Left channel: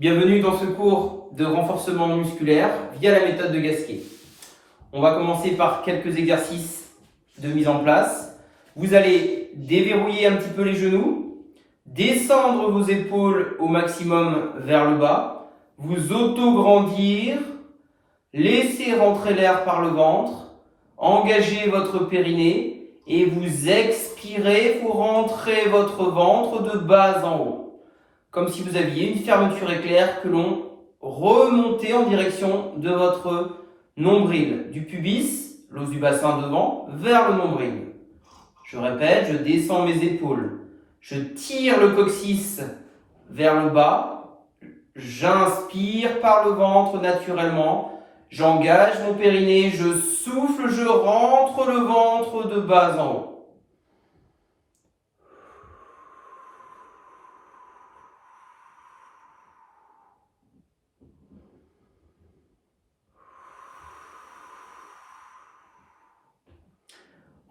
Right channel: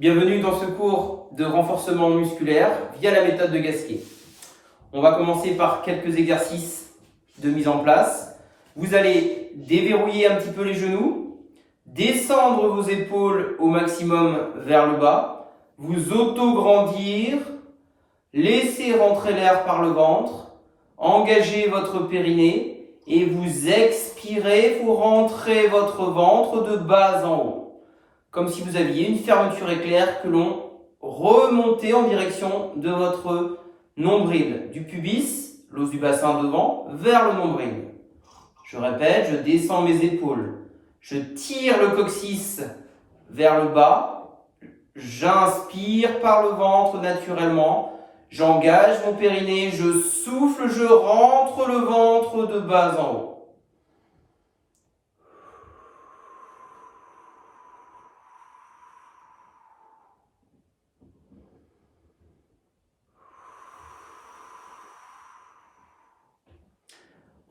Bienvenue dans ce cours de renforcement musculaire via la méthode de Gasquet. On va commencer par quelques exercices de mise en place. Vous allez déverrouiller un petit peu les genoux, descendre vos épaules au maximum vers le bas, vous auto-grandir, laisser rentrer l'air par le ventre, engager votre périnée et vous expirez, vous rentrez votre ventre de bas en haut. Comme si vous aviez une fermeture éclair que l'on remontait en direction de votre nombril, du pubis, l'os du bassin devant, vers le nombril. Je répète, je descends mes épaules, je tire le coccyx vers le bas, j'inspire par le ventre naturellement, j'engage mon périnée, je souffle, je rentre le ventre de bas en haut.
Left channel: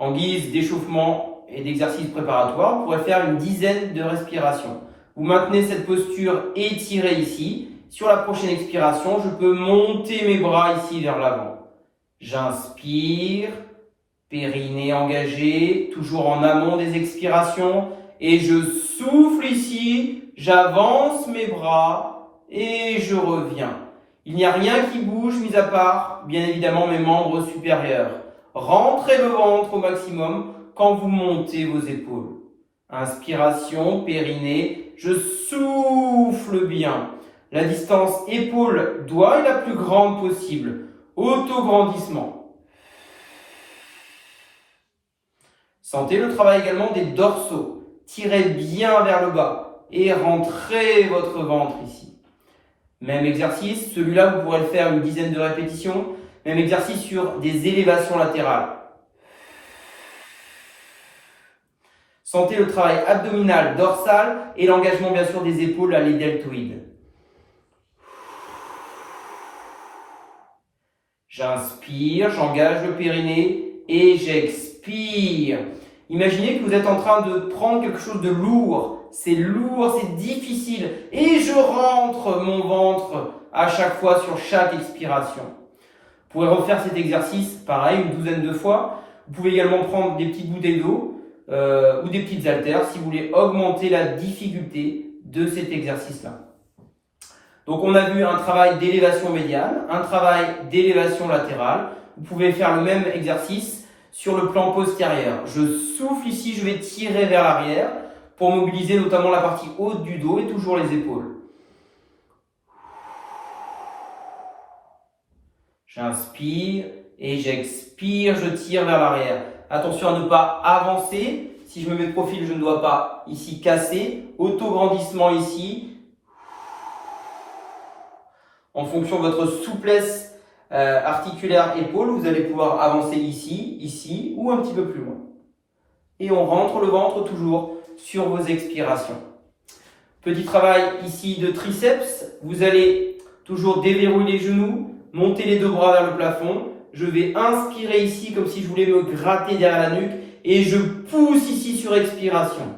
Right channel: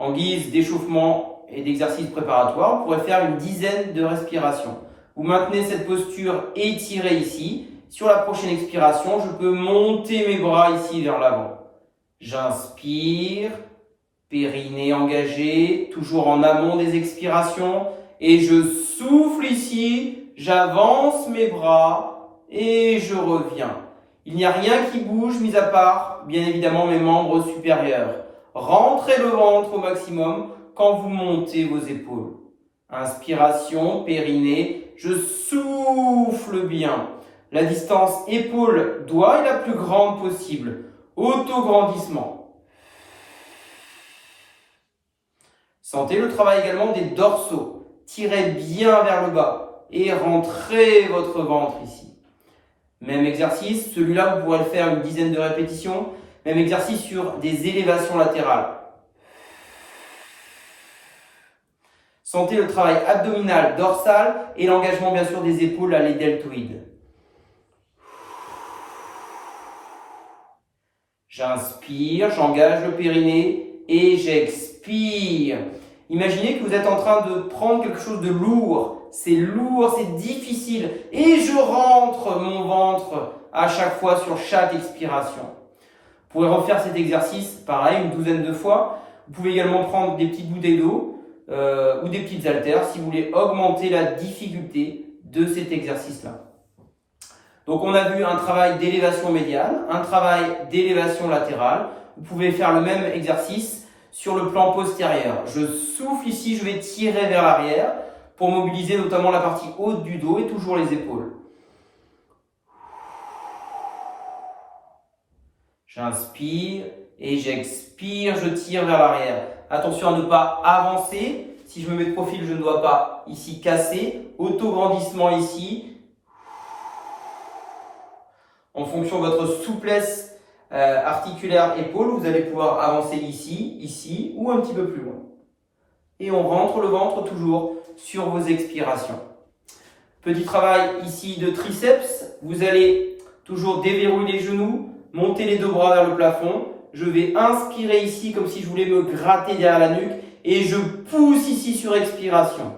En guise d'échauffement et d'exercice préparatoire, vous pourrez faire une dizaine de respirations. Vous maintenez cette posture étirée ici. Sur la prochaine expiration, je peux monter mes bras ici vers l'avant. J'inspire, périnée engagé, toujours en amont des expirations. Et je souffle ici, j'avance mes bras et je reviens. Il n'y a rien qui bouge, mis à part, bien évidemment, mes membres supérieurs. Rentrez le ventre au maximum quand vous montez vos épaules. Inspiration, périnée, je souffle bien. La distance épaule-doigt est la plus grande possible. Auto-grandissement. Sentez le travail également des dorsaux. Tirez bien vers le bas et rentrez votre ventre ici. Même exercice, celui-là vous pourrez le faire une dizaine de répétitions. Même exercice sur des élévations latérales. Sentez le travail abdominal, dorsal et l'engagement bien sûr des épaules à les deltoïdes. J'inspire, j'engage le périnée et j'expire. Imaginez que vous êtes en train de prendre quelque chose de lourd. C'est lourd, c'est difficile. Et je rentre mon ventre à chaque fois sur chaque expiration. Vous pouvez refaire cet exercice, pareil, une douzaine de fois. Vous pouvez également prendre des petites bouteilles d'eau ou des petites haltères si vous voulez augmenter la difficulté de cet exercice-là. Donc on a vu un travail d'élévation médiane, un travail d'élévation latérale. Vous pouvez faire le même exercice sur le plan postérieur. Je souffle ici, je vais tirer vers l'arrière pour mobiliser notamment la partie haute du dos et toujours les épaules. J'inspire et j'expire, je tire vers l'arrière. Attention à ne pas avancer. Si je me mets de profil, je ne dois pas ici casser. Auto-grandissement ici. En fonction de votre souplesse articulaire épaule, vous allez pouvoir avancer ici, ici ou un petit peu plus loin. Et on rentre le ventre toujours sur vos expirations. Petit travail ici de triceps. Vous allez toujours déverrouiller les genoux. Montez les deux bras vers le plafond. Je vais inspirer ici comme si je voulais me gratter derrière la nuque. Et je pousse ici sur expiration.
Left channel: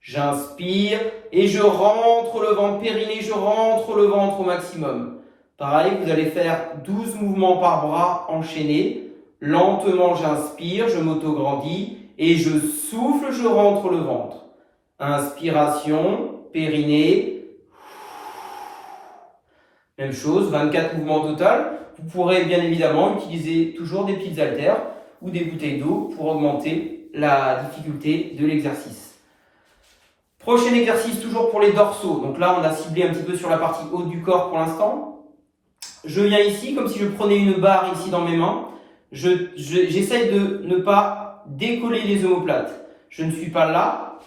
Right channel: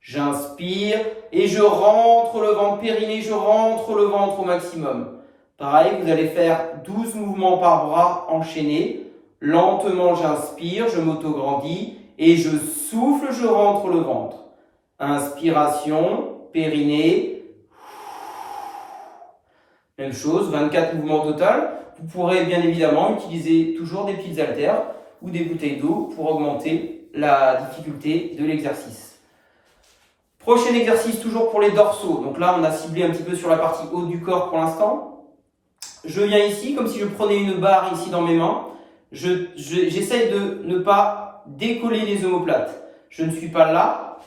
J'inspire et je rentre le ventre périnée. Je rentre le ventre au maximum. Pareil, vous allez faire 12 mouvements par bras enchaînés. Lentement, j'inspire, je m'auto-grandis. Et je souffle, je rentre le ventre. Inspiration, périnée. Même chose, 24 mouvements au total. Vous pourrez bien évidemment utiliser toujours des petites haltères ou des bouteilles d'eau pour augmenter la difficulté de l'exercice. Prochain exercice, toujours pour les dorsaux. Donc là, on a ciblé un petit peu sur la partie haute du corps pour l'instant. Je viens ici comme si je prenais une barre ici dans mes mains. J'essaye de ne pas décoller les omoplates. Je ne suis pas là.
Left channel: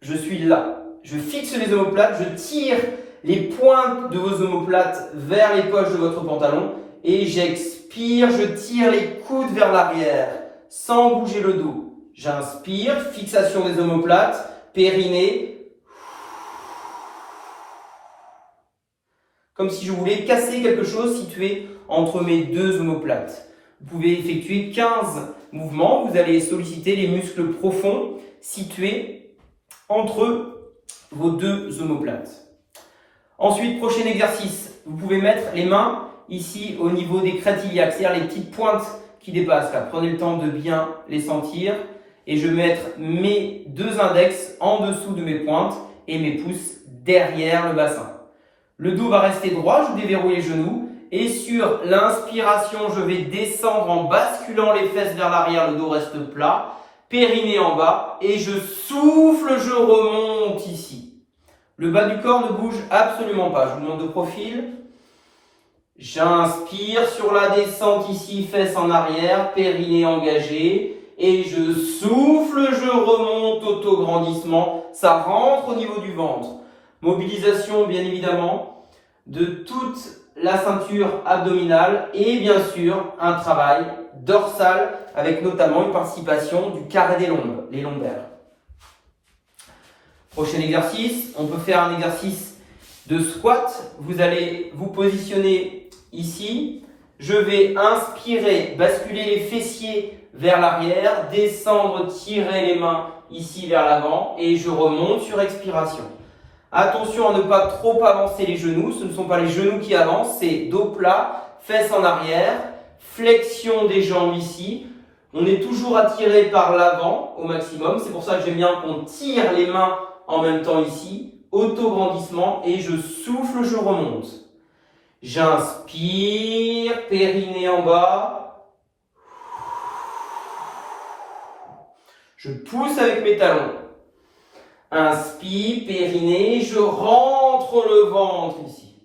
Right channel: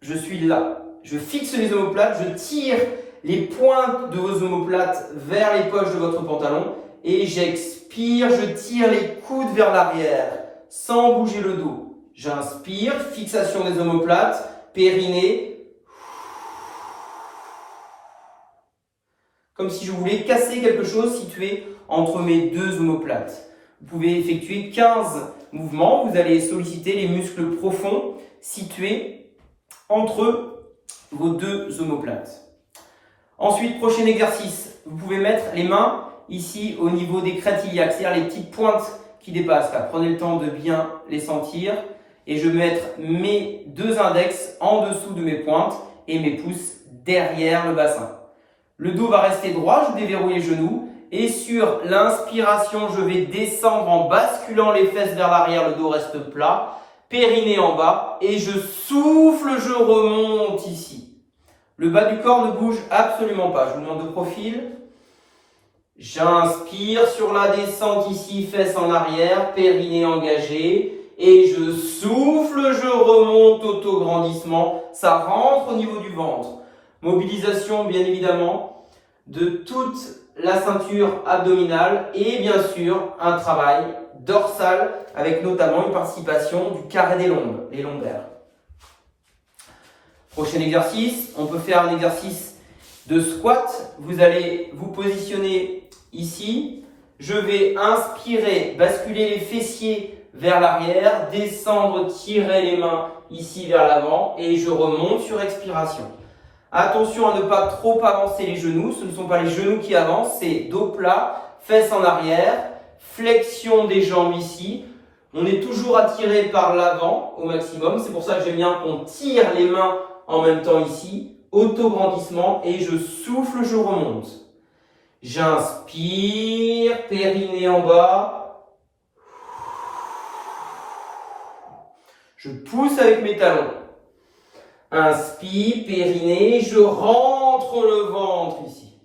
Je suis là. Je fixe les omoplates, je tire les pointes de vos omoplates vers les poches de votre pantalon et j'expire, je tire les coudes vers l'arrière sans bouger le dos. J'inspire, fixation des omoplates, périnée. Comme si je voulais casser quelque chose situé entre mes deux omoplates. Vous pouvez effectuer 15 mouvements. Vous allez solliciter les muscles profonds situés entre vos deux omoplates. Ensuite, prochain exercice, vous pouvez mettre les mains ici au niveau des crêtes iliaques, c'est-à-dire les petites pointes qui dépassent. Là, prenez le temps de bien les sentir. Et je vais mettre mes deux index en dessous de mes pointes et mes pouces derrière le bassin. Le dos va rester droit, je déverrouille les genoux. Et sur l'inspiration, je vais descendre en basculant les fesses vers l'arrière, le dos reste plat. Périnée en bas et je souffle, je remonte ici. Le bas du corps ne bouge absolument pas. Je vous montre de profil. J'inspire sur la descente ici, fesses en arrière, périnée engagée. Et je souffle, je remonte, auto-grandissement. Ça rentre au niveau du ventre. Mobilisation, bien évidemment, de toute la ceinture abdominale. Et bien sûr, un travail dorsal avec notamment une participation du carré des lombes, les lombaires. Prochain exercice, on peut faire un exercice de squat. Vous allez vous positionner ici. Je vais inspirer, basculer les fessiers vers l'arrière, descendre, tirer les mains ici vers l'avant et je remonte sur expiration. Attention à ne pas trop avancer les genoux. Ce ne sont pas les genoux qui avancent, c'est dos plat, fesses en arrière, flexion des jambes ici. On est toujours attiré par l'avant au maximum. C'est pour ça que j'aime bien qu'on tire les mains en même temps ici. Auto-grandissement et je souffle, je remonte. J'inspire, périnée en bas. Je pousse avec mes talons. Inspire, périnée, je rentre le ventre ici.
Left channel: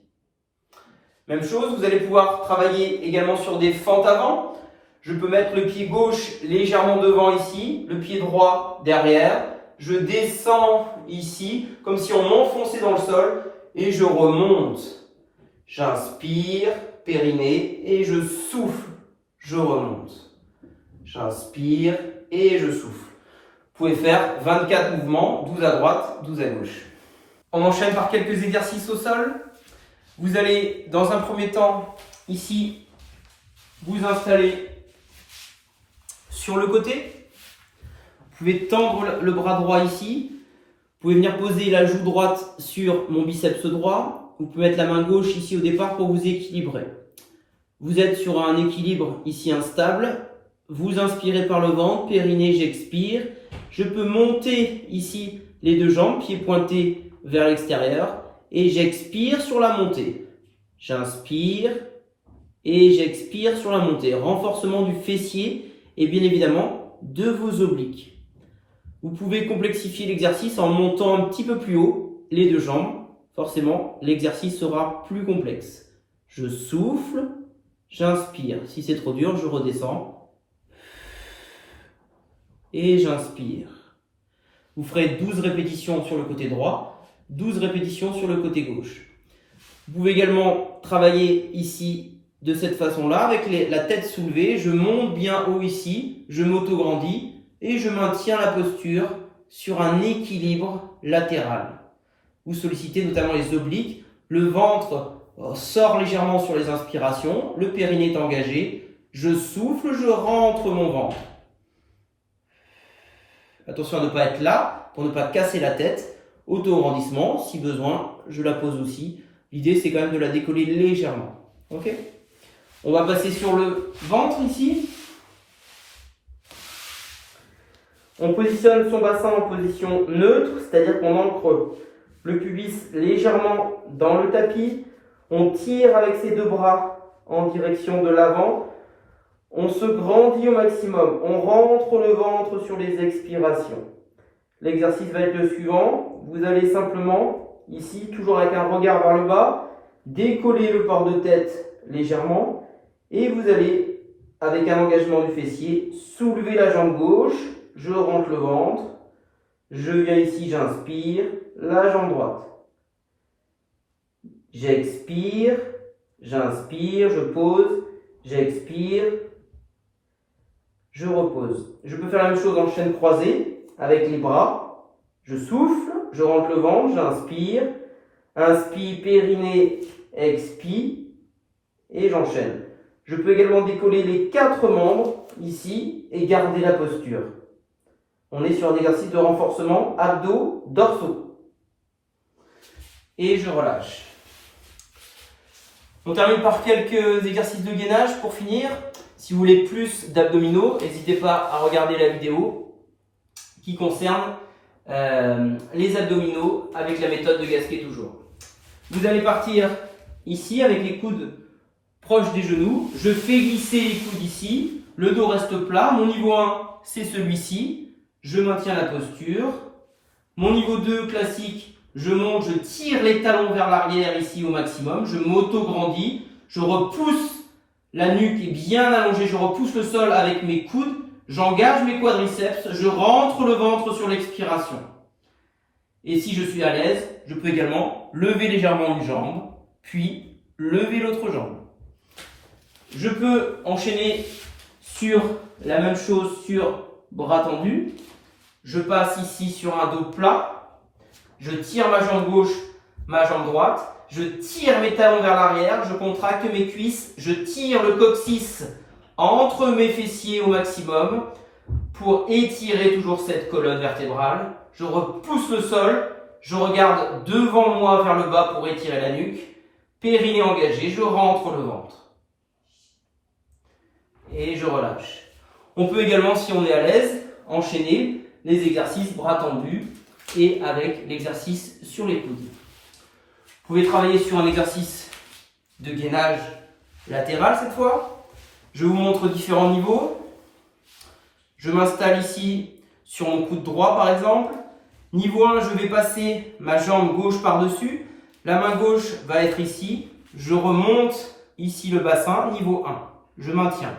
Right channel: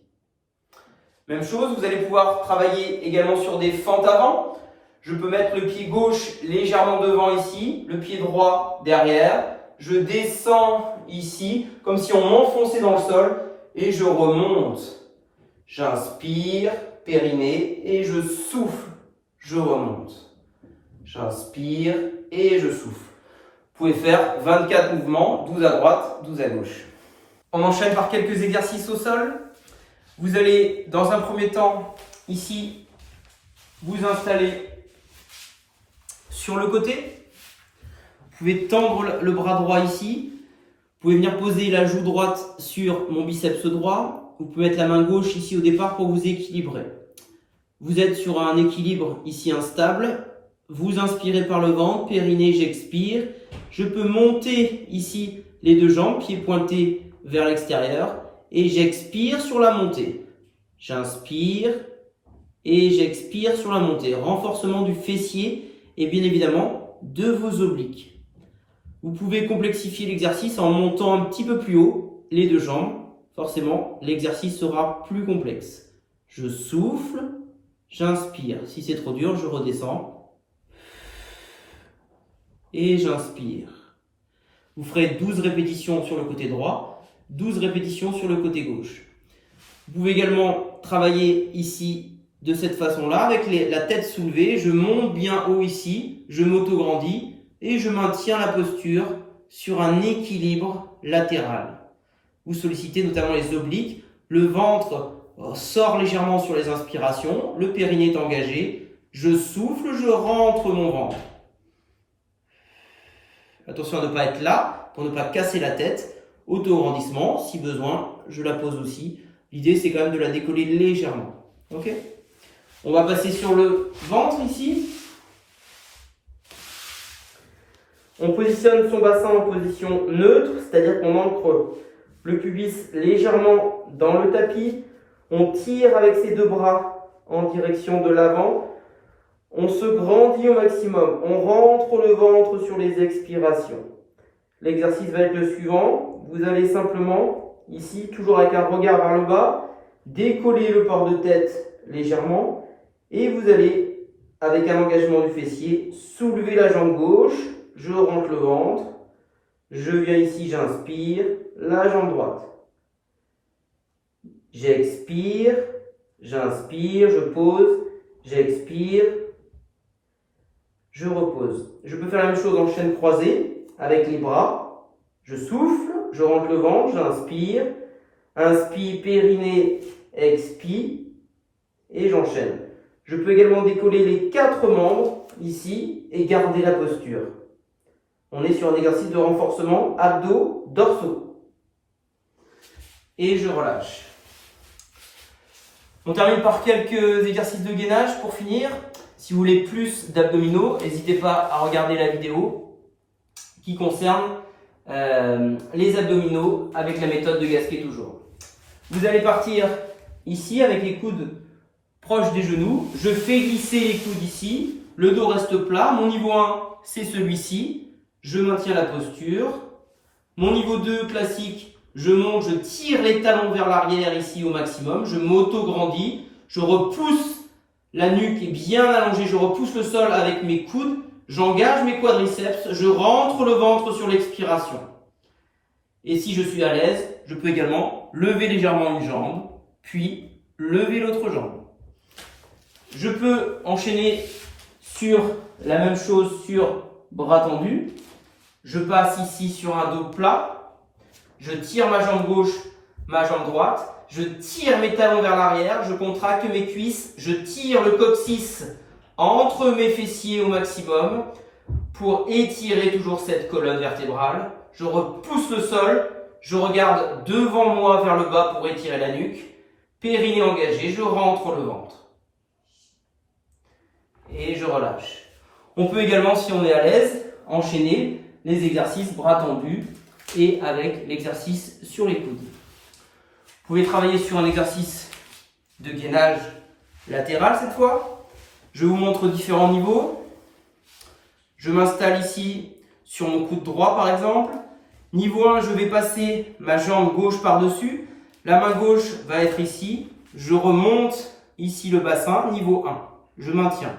Même chose, vous allez pouvoir travailler également sur des fentes avant. Je peux mettre le pied gauche légèrement devant ici, le pied droit derrière. Je descends ici, comme si on m'enfonçait dans le sol, et je remonte. J'inspire, périnée, et je souffle, je remonte. J'inspire et je souffle. Vous pouvez faire 24 mouvements, 12 à droite, 12 à gauche. On enchaîne par quelques exercices au sol. Vous allez, dans un premier temps, ici, vous installer sur le côté. Vous pouvez tendre le bras droit ici. Vous pouvez venir poser la joue droite sur mon biceps droit. Vous pouvez mettre la main gauche ici au départ pour vous équilibrer. Vous êtes sur un équilibre ici instable. Vous inspirez par le ventre, périnée, j'expire. Je peux monter ici les deux jambes, pieds pointés vers l'extérieur. Et j'expire sur la montée. J'inspire et j'expire sur la montée. Renforcement du fessier et bien évidemment de vos obliques. Vous pouvez complexifier l'exercice en montant un petit peu plus haut les deux jambes. Forcément, l'exercice sera plus complexe. Je souffle, j'inspire. Si c'est trop dur, je redescends. Et j'inspire. Vous ferez 12 répétitions sur le côté droit, 12 répétitions sur le côté gauche. Vous pouvez également travailler ici de cette façon-là, avec la tête soulevée. Je monte bien haut ici, je m'auto-grandis et je maintiens la posture sur un équilibre latéral. Vous sollicitez notamment les obliques. Le ventre sort légèrement sur les inspirations, le périnée est engagé. Je souffle, je rentre mon ventre. Attention à ne pas être là, pour ne pas casser la tête. Auto-grandissement, si besoin, je la pose aussi. L'idée, c'est quand même de la décoller légèrement. Ok ? On va passer sur le ventre ici. On positionne son bassin en position neutre, c'est-à-dire qu'on ancre le pubis légèrement dans le tapis. On tire avec ses deux bras en direction de l'avant. On se grandit au maximum. On rentre le ventre sur les expirations. L'exercice va être le suivant. Vous allez simplement, ici, toujours avec un regard vers le bas, décoller le port de tête légèrement. Et vous allez, avec un engagement du fessier, soulever la jambe gauche. Je rentre le ventre. Je viens ici, j'inspire. La jambe droite. J'expire. J'inspire. Je pose. J'expire. Je repose. Je peux faire la même chose en chaîne croisée avec les bras. Je souffle, je rentre le ventre, j'inspire. Inspire, périnée, expire et j'enchaîne. Je peux également décoller les 4 membres ici et garder la posture. On est sur un exercice de renforcement abdos, dorsaux. Et je relâche. On termine par quelques exercices de gainage pour finir. Si vous voulez plus d'abdominaux, n'hésitez pas à regarder la vidéo qui concerne les abdominaux avec la méthode de Gasquet toujours. Vous allez partir ici avec les coudes proches des genoux. Je fais glisser les coudes ici. Le dos reste plat. Mon niveau 1, c'est celui-ci. Je maintiens la posture. Mon niveau 2 classique, je monte, je tire les talons vers l'arrière ici au maximum. Je m'auto-grandis. Je repousse la nuque est bien allongée. Je repousse le sol avec mes coudes. J'engage mes quadriceps. Je rentre le ventre sur l'expiration. Et si je suis à l'aise, je peux également lever légèrement une jambe, puis lever l'autre jambe. Je peux enchaîner sur la même chose sur bras tendus. Je passe ici sur un dos plat. Je tire ma jambe gauche, ma jambe droite. Je tire mes talons vers l'arrière. Je contracte mes cuisses. Je tire le coccyx entre mes fessiers au maximum pour étirer toujours cette colonne vertébrale. Je repousse le sol. Je regarde devant moi vers le bas pour étirer la nuque. Périnée engagé. Je rentre le ventre. Et je relâche. On peut également, si on est à l'aise, enchaîner les exercices bras tendus et avec l'exercice sur les coudes. Vous pouvez travailler sur un exercice de gainage latéral cette fois. Je vous montre différents niveaux. Je m'installe ici sur mon coude droit par exemple. Niveau 1, je vais passer ma jambe gauche par-dessus. La main gauche va être ici. Je remonte ici le bassin. Niveau 1, je maintiens.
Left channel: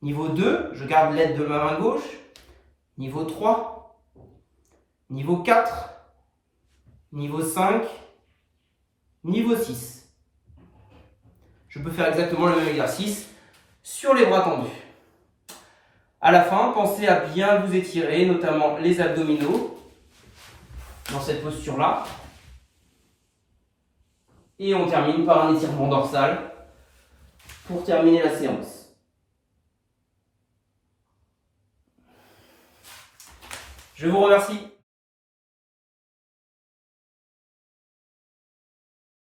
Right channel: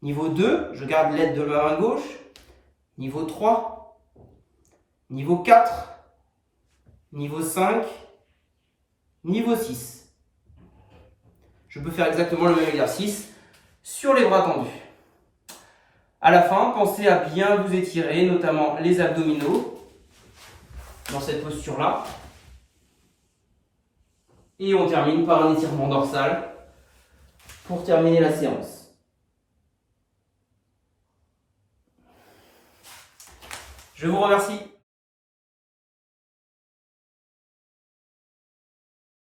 Niveau 2, je garde l'aide de ma main gauche. Niveau 3, niveau 4, niveau 5, niveau 6. Je peux faire exactement le même exercice sur les bras tendus. À la fin, pensez à bien vous étirer, notamment les abdominaux, dans cette posture-là. Et on termine par un étirement dorsal pour terminer la séance. Je vous remercie.